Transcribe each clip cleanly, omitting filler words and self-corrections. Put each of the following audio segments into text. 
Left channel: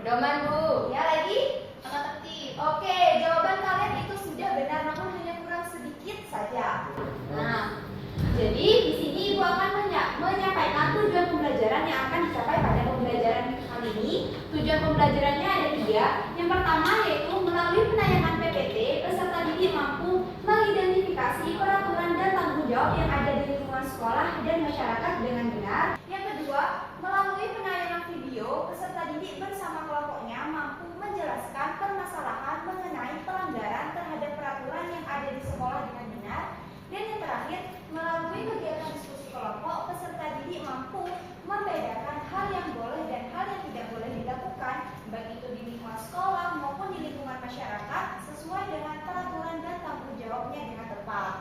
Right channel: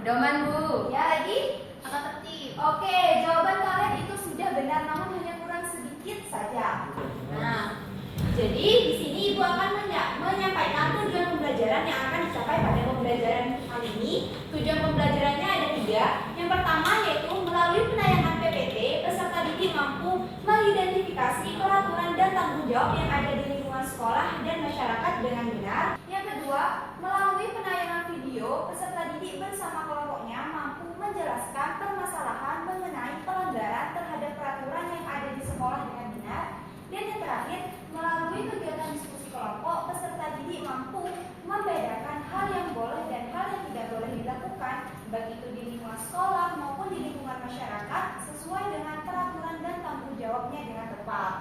Pedoman, Bu. Ya, lagi? Angka tertib. Oke, jawaban kalian itu sudah benar, namun hanya kurang sedikit saja. Nah, jadi di sini Ibu akan menyampaikan tujuan pembelajaran yang akan dicapai pada pembelajaran kali ini. Tujuan pembelajarannya ada 3. Yang pertama yaitu melalui penayangan PPT, peserta didik mampu mengidentifikasi peraturan dan tanggung jawab yang ada di lingkungan sekolah dan masyarakat dengan benar. Yang kedua, melalui penayangan video, peserta didik bersama kelompoknya mampu menjelaskan permasalahan mengenai pelanggaran terhadap peraturan yang ada di sekolah dengan benar. Dan yang terakhir, melalui kegiatan diskusi kelompok, peserta didik mampu membedakan hal yang boleh dan hal yang tidak boleh dilakukan, baik itu di lingkungan sekolah maupun di lingkungan masyarakat, sesuai dengan peraturan dan tanggung jawabnya dengan tepat.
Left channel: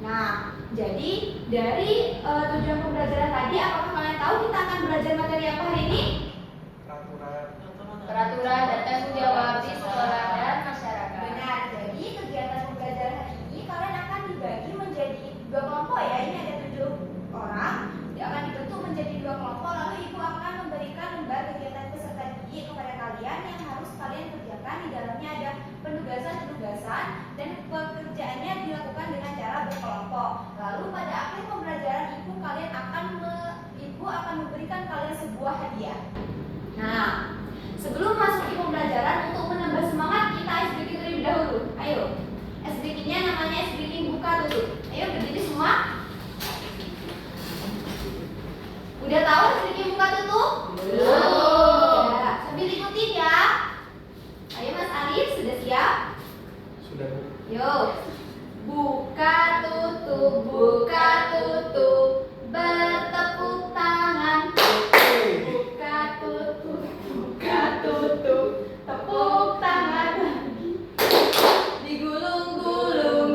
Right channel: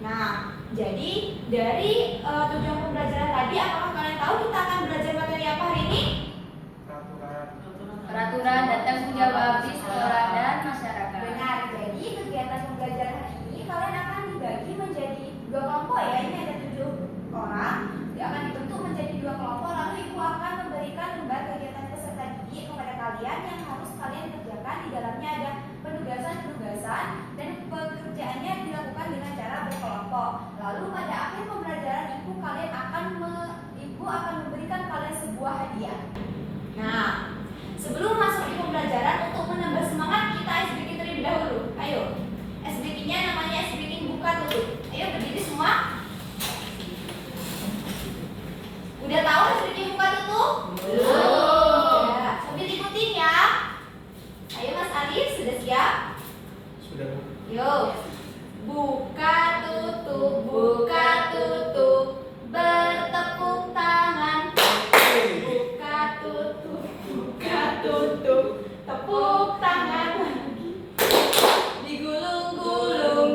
Nah, jadi dari tujuan pembelajaran tadi, apakah kalian tahu kita akan belajar materi apa hari ini? Peraturan dan tanggung jawab di sekolah dan masyarakat. Benar, jadi kegiatan pembelajaran hari ini kalian akan dibagi menjadi 2 kelompok ya. Ini ada 7 orang, dia akan dibentuk menjadi 2 kelompok. Lalu Ibu akan memberikan lembar kegiatan peserta didik kepada kalian yang harus kalian kerjakan. Di dalamnya ada penugasan-penugasan dan pekerjaannya dilakukan dengan cara berkelompok. Lalu pada akhir pembelajaran Ibu akan memberikan kalian sebuah hadiah. Nah, sebelum masuk ke pembelajaran, untuk menambah semangat kita ice breaking terlebih dahulu. Ayo, ice breaking-nya namanya ice breaking buka tutup. Ayo berdiri semua. Udah tahu ice breaking buka tutup? Belum. Ya, sambil ikutin ya. Ayo Mas Arif, sudah siap? Sudah, Bu. Yuk. Buka tutup, bertepuk tangan. Buka tutup, tepuk tangan. Digulung-gulung,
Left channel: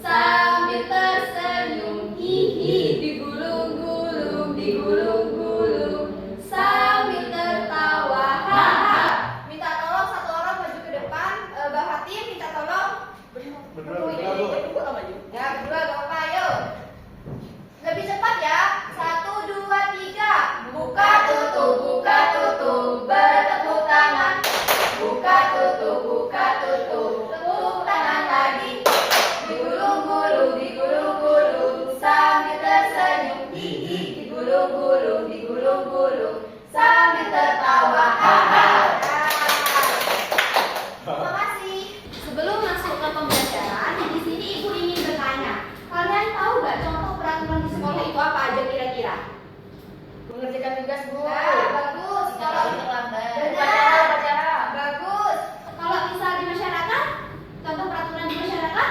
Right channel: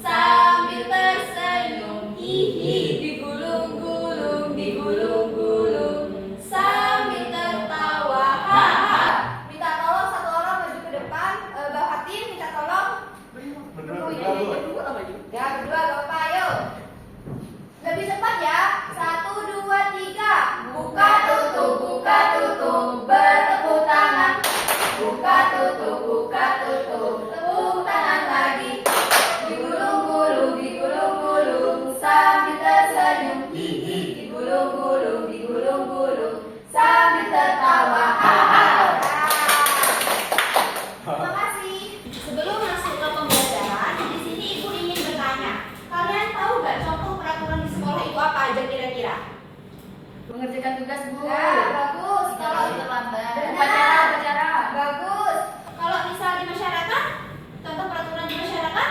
sambil tersenyum. Hihi, digulung-gulung, sambil tertawa. Haha. Minta tolong satu orang maju ke depan. Mbak Fatim minta tolong. Ya, berdua gak apa, ayo. Lebih cepat ya. 1, 2, 3. Buka tutup, bertepuk tangan. Buka tutup, tepuk tangan lagi. Digulung-gulung, sambil tersenyum. Hihi, digulung-gulung, sambil tertawa. Haha. Terima kasih. Sebelum masuk ke pembelajaran, di sini Ibu ingin bertanya, kalian tahu nggak contoh peraturan di sekolah itu apa aja kira-kira? Mengerjakan tugas, Bu. Nah, bagus. Kalau terlambat. Upacara. Bagus. Kalau misal di masyarakat, contoh peraturan di masyarakat?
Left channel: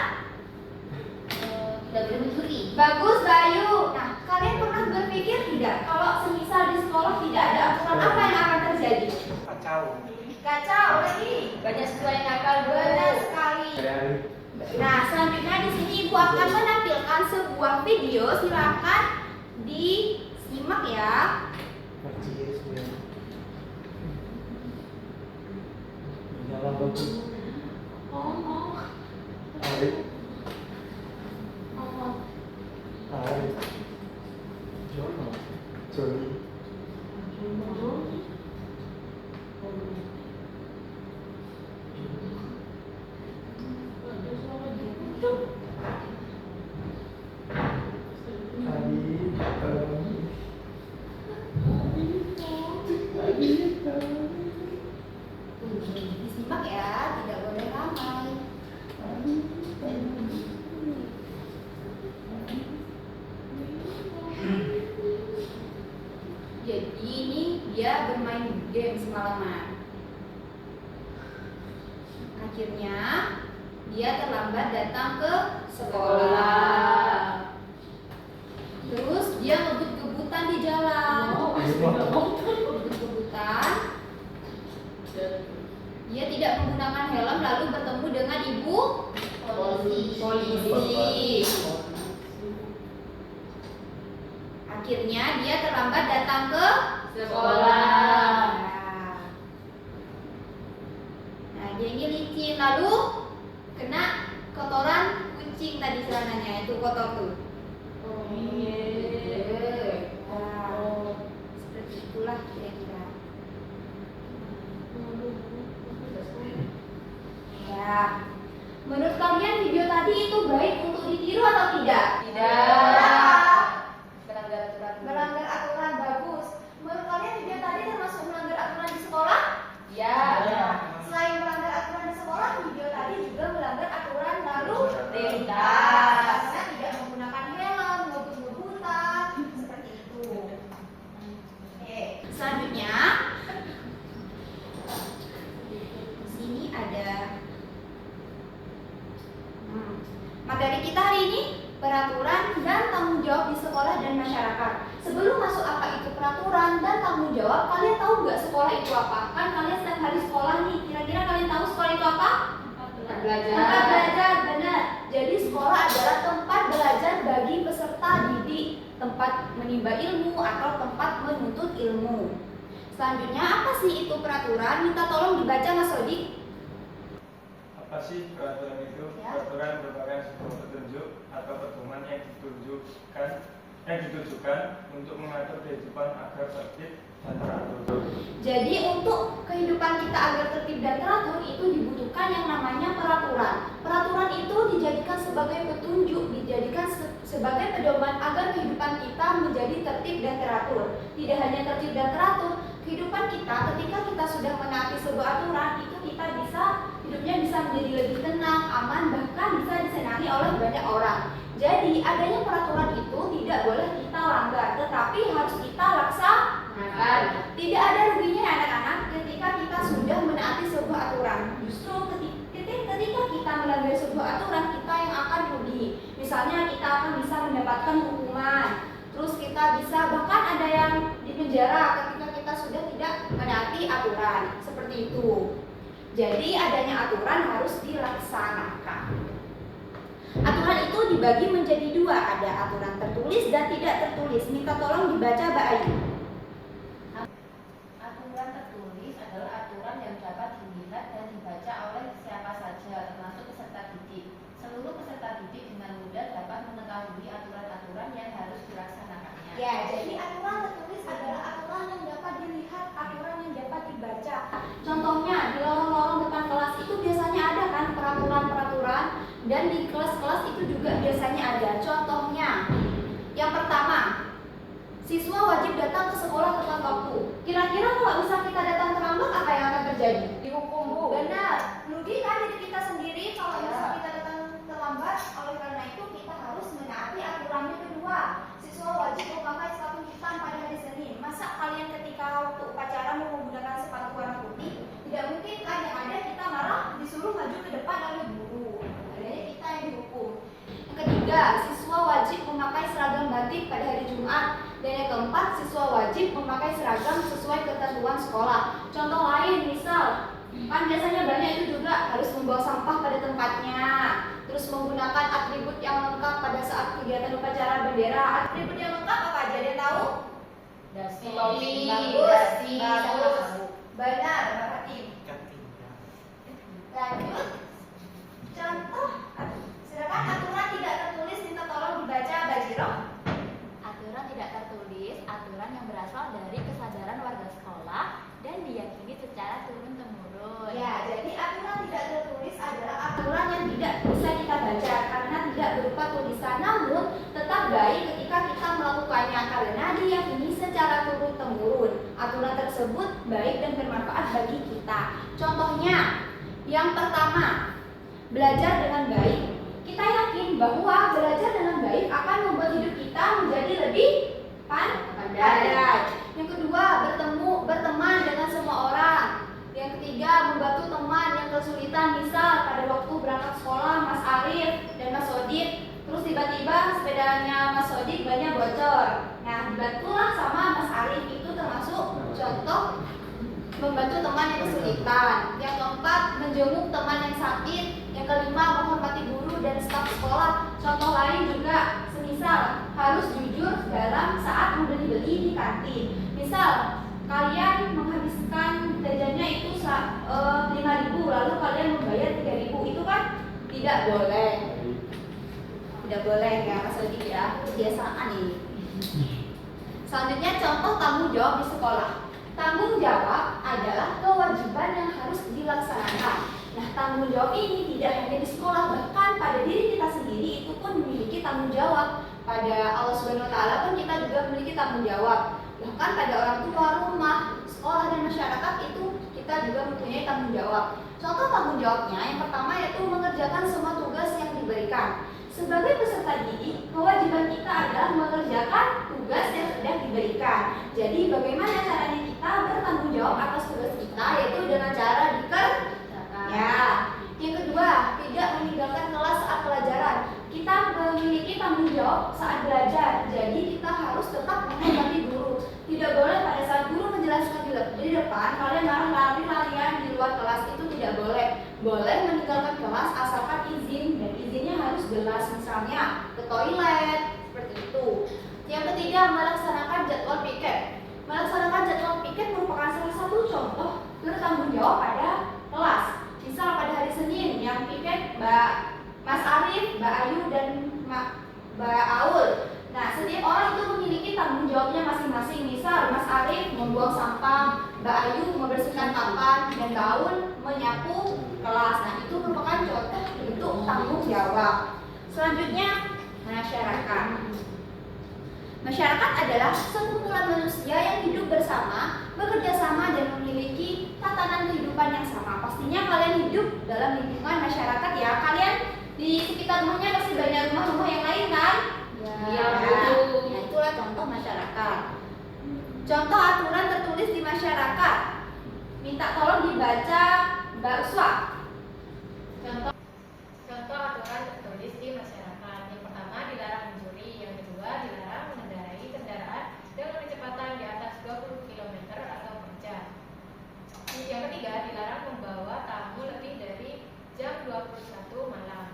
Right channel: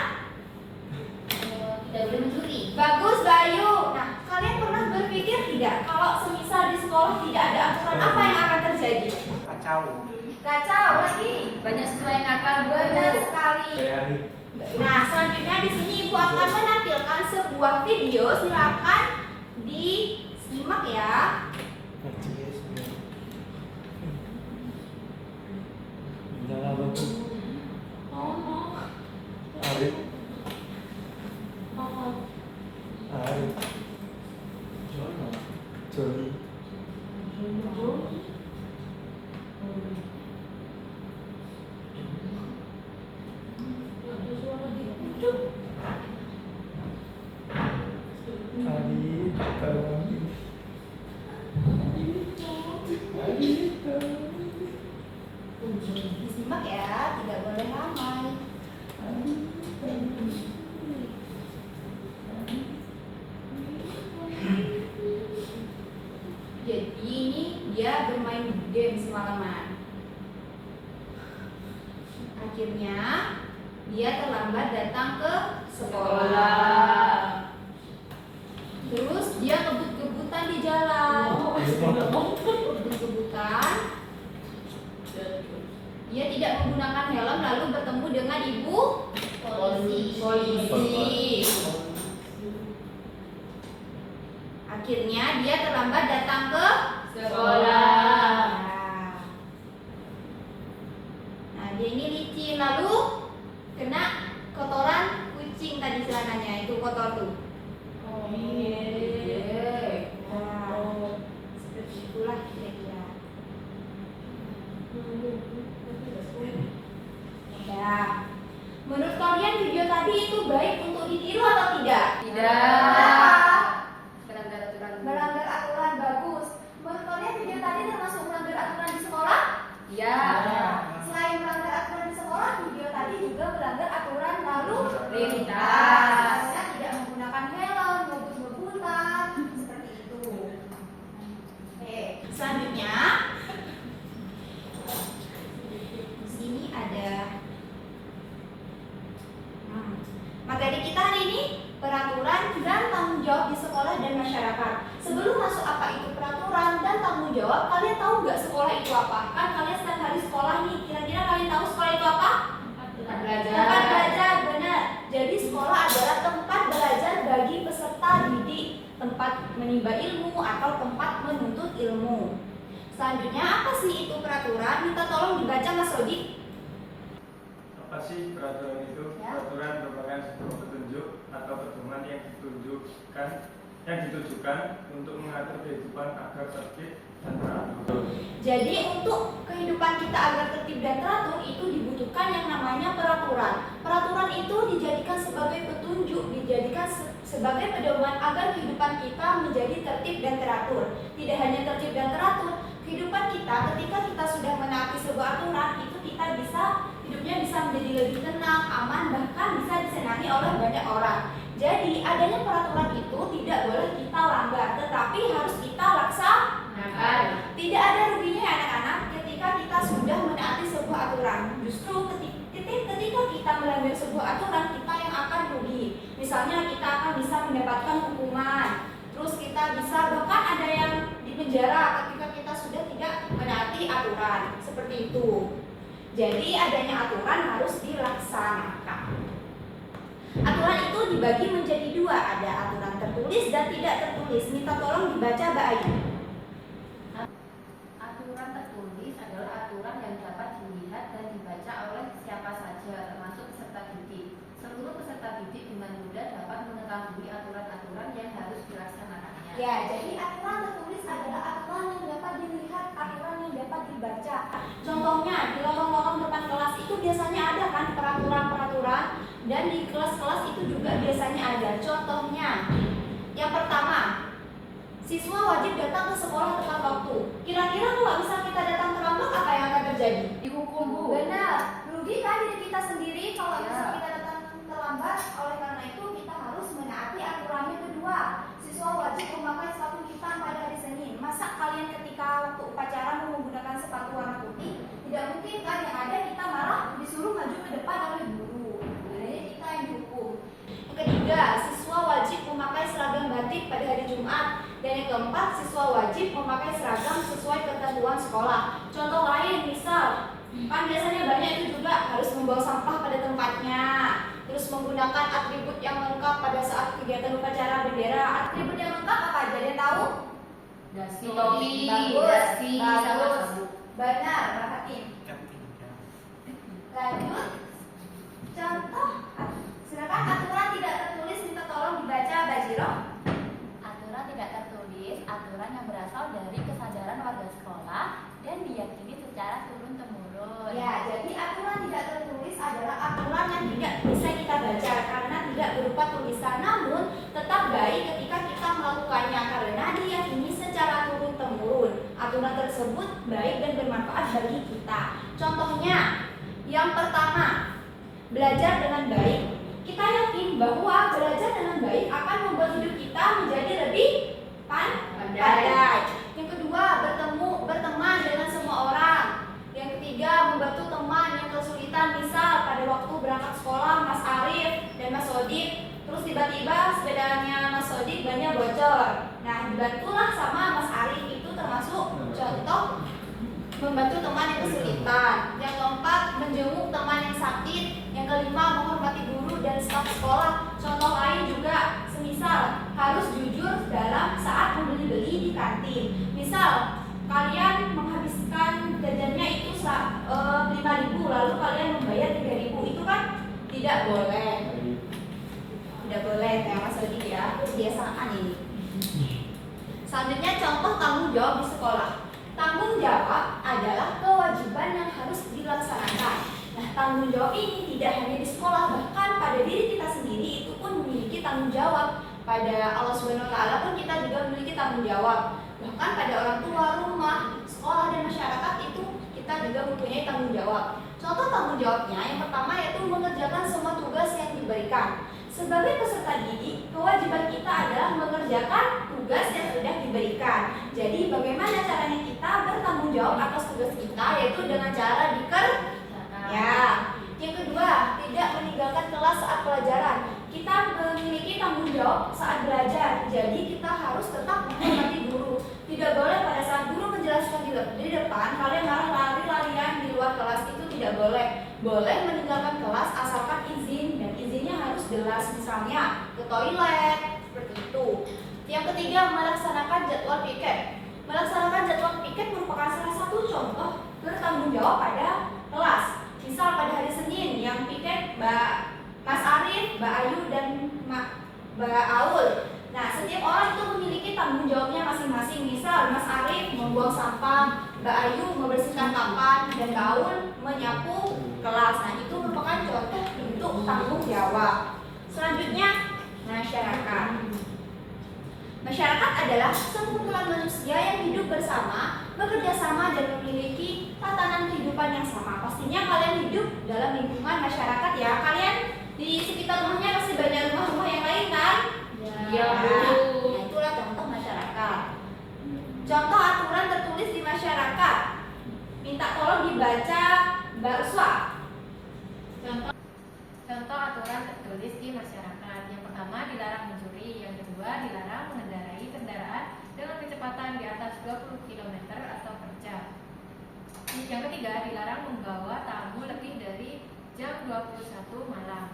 Tidak boleh mencuri. Bagus, Bayu. Nah, kalian pernah berpikir tidak kalau semisal di sekolah tidak ada aturan, apa yang akan terjadi? Kacau lagi. Banyak siswa yang nakal, Bu. Benar sekali. Nah, selanjutnya di sini Ibu akan menampilkan sebuah video. Silakan disimak ya. Nyala bagus. Arif. Joni. Disimak ya, tidak boleh ramai. Jadi ini dia bermain game semalaman. Akhirnya dia terlambat datang ke sekolah. Terus dia ngebut-ngebutan di jalan. Ngebut-ngebutan. Dia tidak menggunakan helm lalu bertemu dengan ibu polisi. Akhirnya dia terlambat datang ke sekolah. Nah, dia ini licin lalu kena kotoran kucing tadi celananya, itu kotor tuh. Seperti itulah kira-kira. jawab di sekolah dan masyarakat. Sebelum masuk apa itu peraturan dan tanggung jawab, kalian tahu nggak sekolah itu apa? Kan kalian setiap hari sekolah nih, kira-kira kalian tahu sekolah itu apa? Tempat belajar. Tempat belajar, benar. Jadi sekolah adalah tempat belajar bagi peserta didik, tempat menimba ilmu atau tempat menuntut ilmu. Selanjutnya, apa sih itu peraturan? Minta tolong dibaca Mas Sodik. Apa sih peraturan itu? Ya. Peraturan merupakan sebuah petunjuk atau pedoman yang ditujukan untuk mengatur kehidupan agar tertib dan teratur. Jadi untuk kehidupan kita agar tertib dan teratur itu dibutuhkan yang namanya peraturan. Peraturan itu dijadikan sebagai petunjuk, dijadikan sebagai pedoman agar kehidupan kita menjadi tertib dan teratur. Tidak hanya tertib dan teratur, kehidupan kita ketika kita sudah menaati sebuah aturan itu hidupnya bisa menjadi lebih tenang, aman, bahkan bisa disenangi oleh banyak orang. Jadi adanya peraturan itu tidak boleh kita langgar, tetapi harus kita laksanakan. Tidak ada ruginya anak-anak ketika kita sudah menaati sebuah aturan. Justru ketika kita melanggar sebuah aturan, kita yang akan rugi. Misalnya kita akan bisa mendapatkan hukuman, terus kita bisa bahkan ada yang dipenjara ketika kita sudah tidak menaati aturan. Seperti itu. Jadi adanya aturan harus dilaksanakan. Aturan itu dibagi menjadi dua, ada aturan tertulis dan tidak tertulis. Minta tolong dibaca Mbak Ayu. Aturan tertulis adalah aturan yang dapat dilihat dan dibaca oleh siapa saja, termasuk peserta didik. Seluruh peserta didik dengan mudah dapat mengetahui aturan-aturan yang harus dilaksanakannya. Ya, jadi aturan tertulis adalah aturan yang dapat dilihat, aturan yang dapat dibaca. Contohnya di lorong-lorong depan kelas itu biasanya ada kan peraturan-peraturan, dan di kelas-kelas itu juga biasanya ada. Contohnya, yang pertama, siswa wajib datang ke sekolah tepat waktu. Kira-kira kalau misal kita datang terlambat, apa yang akan terjadi? Dihukum, Bu. Benar, merugi kan diri kita sendiri kalau misal kita datang terlambat. Oleh karena itu kita harus menaati aturan yang kedua. Siswa wajib memakai sepatu hitam pada hari Senin. Masa kalian ketika waktu upacara mau menggunakan sepatu warna putih? Tidak mungkin kan, yang ada kita malah disuruh maju ke depan oleh guru. Adanya kita yang dihukum. Yang ketiga, siswa wajib memakai seragam batik pada hari Jumat. Dan yang keempat, siswa wajib memakai seragam sesuai ketentuan sekolah. Contoh lain, misal kan biasanya banyak itu juga harus membawa sampah pada tempatnya, terus menggunakan atribut yang lengkap pada saat kegiatan upacara bendera. Atribut yang lengkap apa aja, dia tahu? Dasi, Bagus, dasi, sama bagus. sabuk. Benar, Mbak Fatim. Lanjut. Contoh, silakan aturan tidak tertulis, minta tolong dibaca Mbak Jiro. Aturan tidak tertulis, aturan yang berasal dari kesadaran warga sekolah dan diyakini secara turun-temurun. Ya, jadi aturan tidak tertulis adalah aturan yang tidak bisa kita baca karena tidak berupa tulisan, namun tetap baik ketika kita melakukannya karena diyakini secara turun-temurun. Aturan tersebut baik dan bermanfaat bagi kita. Contohnya, yang pertama, belajar dengan baik. Kita yakin bahwa belajar dengan baik akan membuat hidup kita menjadi lebih pandai. Yang kedua, berteman dengan semua orang. Yang ketiga, membantu teman yang kesulitan. Misal pada waktu berangkat sekolah Mas Arif dan Mas Sodik, terus tiba-tiba sepedanya Mas Sodik bannya bocor. Nah, dibantulah sama Mas Arif. Itu termasuk contoh membantu teman yang kesulitan. Yang keempat, menjenguk teman yang sakit. Yang kelima, menghormati guru dan staf sekolah. Contoh lain juga, semisal harus jujur dalam saat membeli-beli di kantin. Misal kalian menghabiskan jajannya itu 5.000, lalu kalian membayar 3.000, itu kan tidak boleh. Tidak boleh ya Mas Odi ya, kebiasaan ini. Selanjutnya contoh tanggung jawab di sekolah. Tanggung jawab adalah kewajiban yang harus dilaksanakan. Nah, tanggung jawab ini tidak hanya di sekolah, bahkan pada diri kita sendiri itu pun memiliki tanggung jawab. Pada Allah Subhanahu wa Ta'ala pun kita juga memiliki tanggung jawab. Bahkan pada orang tua, rumah, sekolah dan masyarakat itu kita juga mempunyai tanggung jawab. Contoh tanggung jawabnya yang pertama yaitu mengerjakan semua tugas yang diberikan. Sebagai peserta didik, kewajiban kita adalah mengerjakan tugas yang sudah diberikan. Jadi bagaimana caranya kita bertanggung jawab atas tugas kita, yaitu dengan cara dikerjakan. Ya. Yang kedua, tidak meninggalkan kelas saat pelajaran. Kita memiliki tanggung jawab jawab saat belajar. Jadi kita harus tetap menghormati guru. Tidak boleh pada saat guru menjelaskan di depan kalian malah lari-larian di luar kelas, itu tidak boleh. Boleh meninggalkan kelas asalkan izin, dan izinnya harus jelas, misalnya ke toilet, seperti itu. Yang ketiga, melaksanakan jadwal piket. Melaksanakan jadwal piket merupakan salah satu contoh bertanggung jawab pada kelas. Misal pada hari Senin yang piket Mas Arif, Mbak Ayu, dan Mbak Aul. Nah, setiap orang itu memiliki tanggung jawabnya masing-masing. Misal Mas Arif membuang sampah, Mbak Ayu membersihkan papan, dan Mbak Aul menyapu kelas. Nah, itu merupakan contoh bentuk tanggung jawab. Selanjutnya, masyarakat. Masyarakat adalah sekumpulan manusia yang hidup bersama, bekerja sama, dan memiliki tatanan kehidupan yang sama. Pastinya kalian hidup dalam lingkungan masyarakat ya. Kalian di sekitar rumahnya pasti banyak rumah-rumah yang lain kan? Iya, betul. Nah, itulah contoh masyarakat. Contoh aturan tertulis di masyarakat. Minta tolong dibaca Mbak Uswa. Contoh aturan tertulis di masyarakat. Yang pertama, dilarang mencuri. Yang kedua, dilarang mengendarai kendaraan dengan kecepatan di atas 20 km atau per jam. Yang ketiga, dilarang membawa tamu lebih dari jam 21 malam.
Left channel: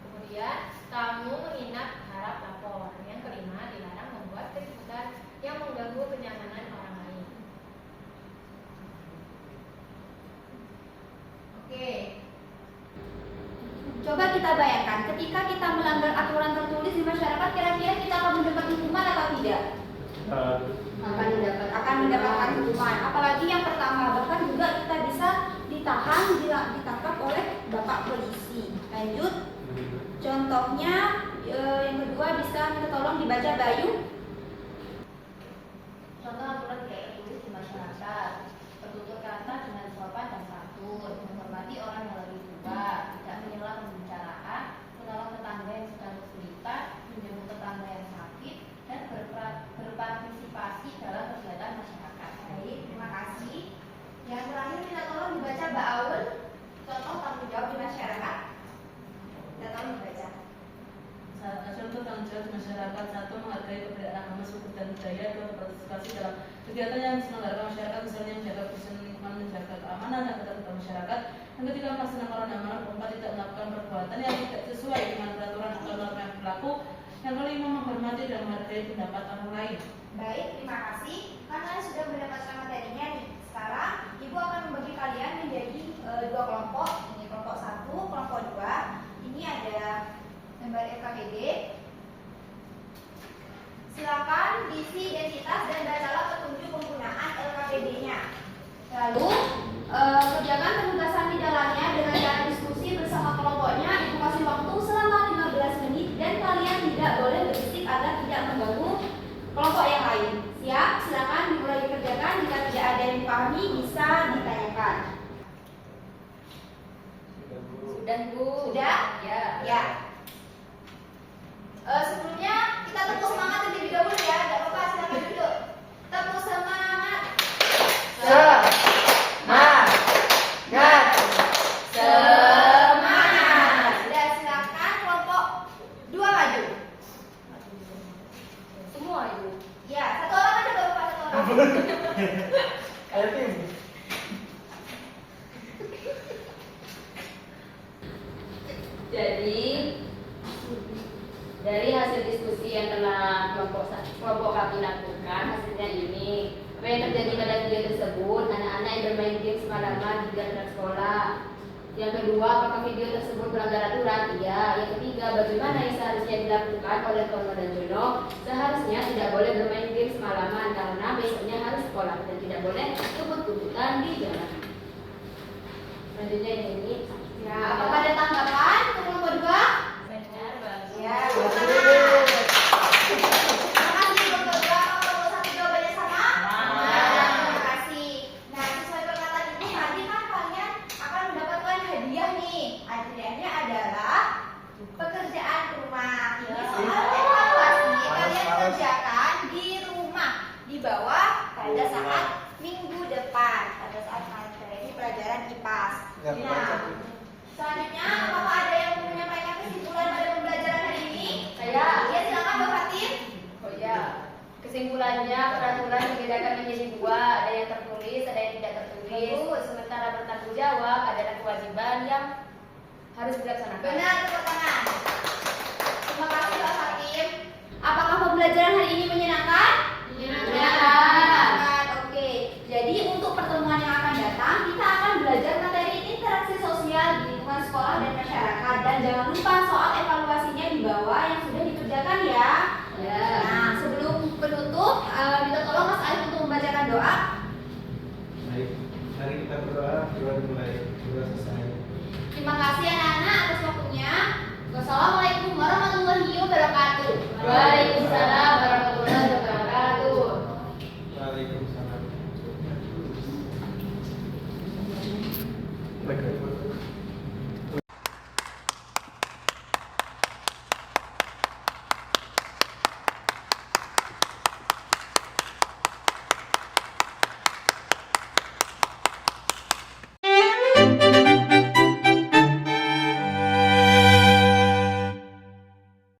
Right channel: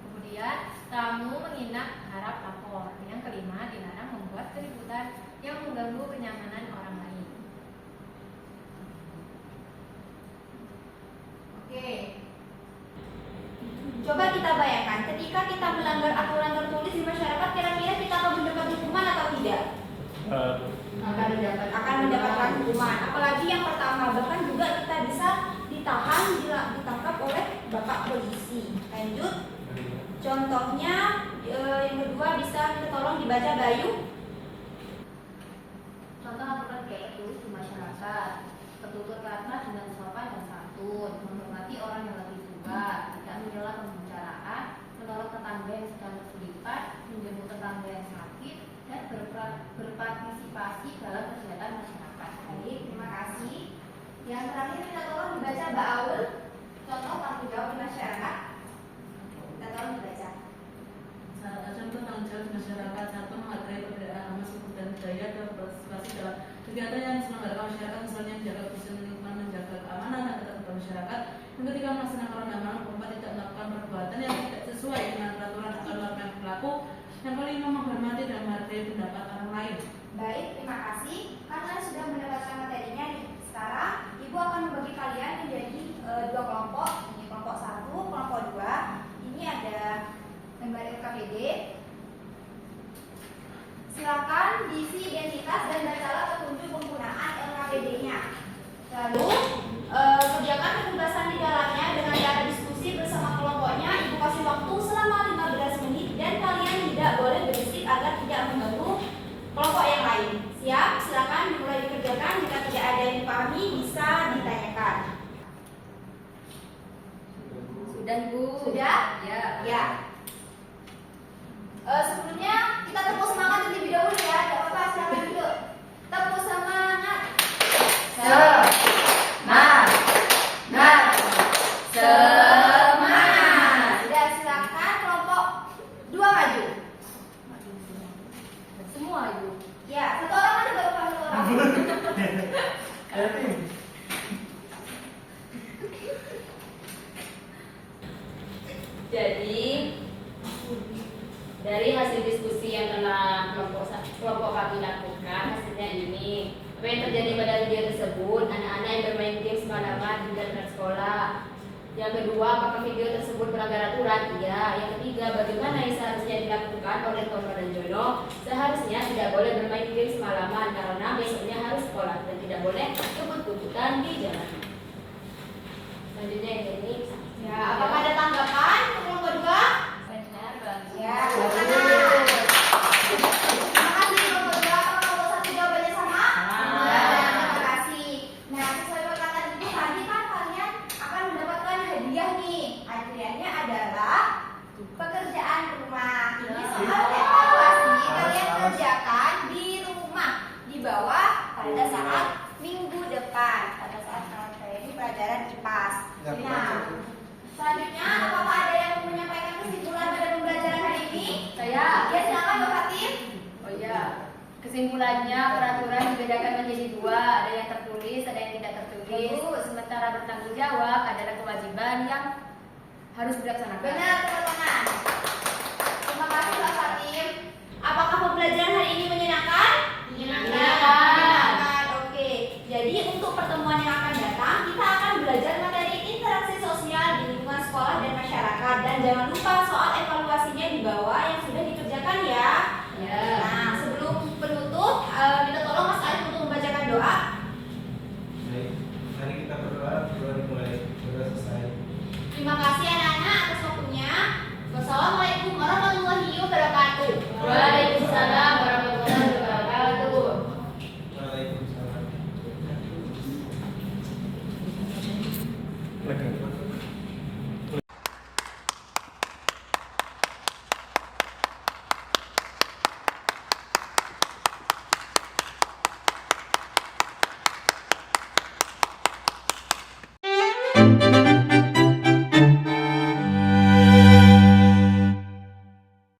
Kemudian, tamu menginap harap lapor. Yang kelima, dilarang membuat keributan yang mengganggu kenyamanan orang lain. Oke. Coba kita bayangkan, ketika kita melanggar aturan tertulis di masyarakat, kira-kira kita akan mendapat hukuman atau tidak? Akan mendapatkan hukuman. Apalagi yang pertama, bahkan juga kita bisa ditahan, ditangkap oleh bapak polisi. Lanjut. Contohnya yang kedua bisa minta tolong dibaca Bayu. Contoh aturan kayak tertulis di masyarakat: bertutur kata dengan sopan dan santun, menghormati orang yang lebih tua, tidak menyela pembicaraan, menolong tetangga yang sedang kesulitan, menjemput tetangga yang sakit, dan berpartisipasi dalam kegiatan masyarakat. Baik, terima kasih. Yang terakhir minta tolong dibaca Mbak Aul. Contoh tanggung jawab di masyarakat. Minta tolong dibaca. Contoh tanggung jawab di masyarakat: satu, menghargai perbedaan agama, suku dan budaya, dua, berpartisipasi dalam kegiatan yang diselenggarakan masyarakat, misalnya menjaga kebersihan lingkungan, menjaga keamanan dan ketertiban masyarakat. Yang ketiga, melaksanakan undang-undang. Keempat, tidak melakukan perbuatan yang tidak sesuai dengan peraturan atau norma yang berlaku. Yang kelima, menghormati dan menghargai pendapat orang lain. Baik, terima kasih. Kalian sudah mendapatkan materinya nih. Sekarang Ibu akan membagi kalian menjadi dua kelompok. Ini kelompok 1, kelompok 2. Ini ada gambar LKPD. Silakan diisi identitas dan bacalah petunjuk penggunaan LKPD-nya. Lalu kerjakan penugasan di dalamnya dengan cara diskusi bersama kelompoknya. Ibu kasih waktu selama 15 menit dan kalian tidak boleh berisik agar tidak mengganggu kelompok yang lain. Siap? Silakan dimulai dikerjakan. Jika tidak ada yang dipahami bisa ditanyakan. Sudah, Bu. Sudah? Ya. Ya. Sebelumnya kita tepuk semangat terlebih dahulu ya. Tidak apa-apa, silakan duduk. Tepuk semangat. Semangat. Sudah, silakan kelompok 2 maju. Semua, Ibu. Ya, satu orang aja baru Pak, satu orang. Ayo tim. Jadi dari hasil diskusi yang telah kelompok kami lakukan, hasilnya ini. Apa yang terjadi pada video tersebut? Anak-anak yang bermain game semalaman di dekat sekolah. Yang kedua, apakah video tersebut melanggar aturan? Iya. Yang ketiga, bagaimana yang seharusnya dilakukan oleh Tono dan Jono? Seharusnya tidak boleh bermain game semalaman karena besoknya harus sekolah dan tidak boleh kebut-kebutan di jalan. Selanjutnya ini. Ya, apakah ada tanggapan untuk kelompok 2? Benar, bagus. Ya, silakan. Terima kasih kelompok 2. Apakah kelompok 1 jawabannya sama? Sama. Ya, terima kasih. Nah, sesuai perkataan Ibu, nanti kan kalian akan mendapatkan hadiah nih. Hadiahnya adalah pekerjaan rumah. Ini soal evaluasi kalian kerjakan di rumah di bawah pada saat minggu depan, pada saat materi pelajaran IPAS. Nah, selanjutnya apakah ada yang menyampaikan kesimpulan pada pembelajaran hari ini? Saya. Sementara bertanggung jawab adalah kewajiban yang harus dilaksanakan. Benar, tepuk tangan. Terima kasih Pak Fatim. Apakah pembelajaran hari ini menyenangkan? Menyenangkan. Oke. Jadi untuk pertemuan yang akan datang, kita akan belajar materi interaksi sosial di lingkungan sekolah dan masyarakat. Dan jangan lupa soal evaluasinya di bawah yang sudah dikerjakan ya. Ya. Nah, sebelum penutup, minta